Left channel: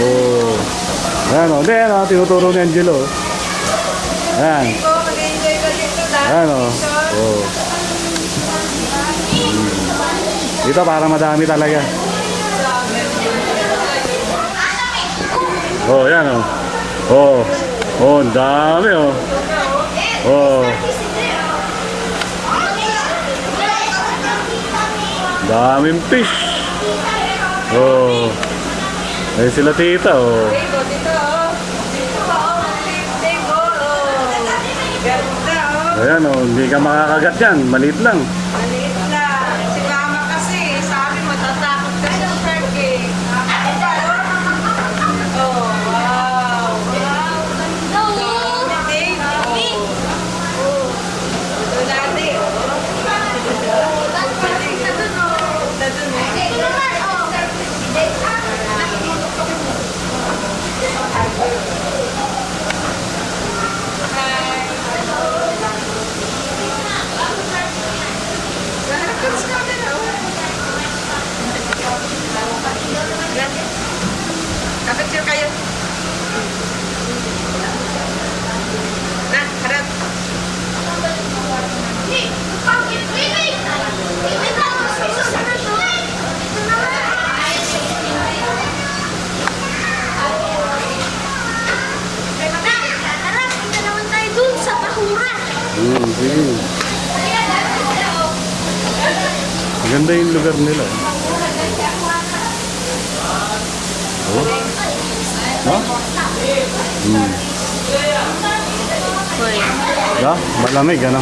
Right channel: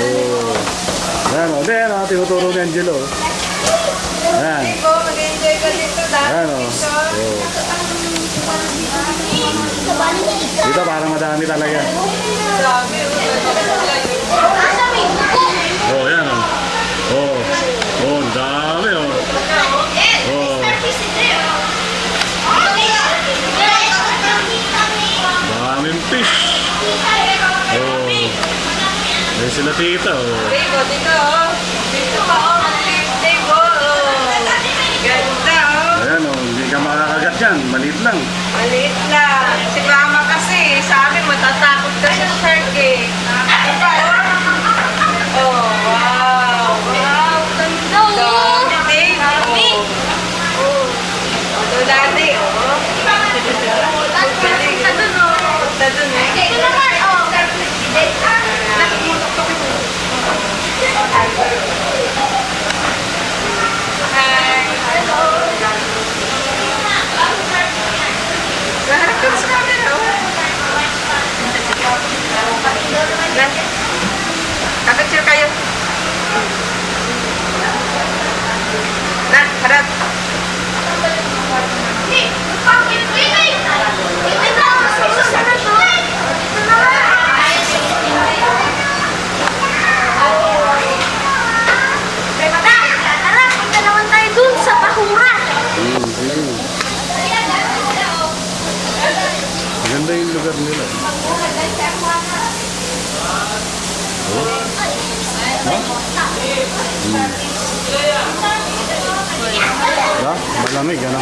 Oh. Ayan o. Hindi, ano, tinuturo ni Angelo. Ayan. Mag-enjoy ka dito dahil Ayan o. Oh. Dito para madami talaga. Oh, ayan o. Oh. Oh, ang dami o. Oh. Daming fish. Oh. Ayun sila tita oh. Dego, dito oh. Dito pa oh. Dego oh. Ganda oh. Ayan o, hindi ka makakagat yan. Maliit lang. Maliit lang. Si mama kasi, sabi matatakot ka sa shark eh. Oh, wow. Wow, ganda oh. Dami. Oh. Oh, dati oh. Punta dun oh. Punta dun eh. Hi. Hello. Lahat ka sa camera oh. Kapicture kayo. Harap. Sige. Maganda yung lugar nila. Oh. No? Yeah, malamig ano?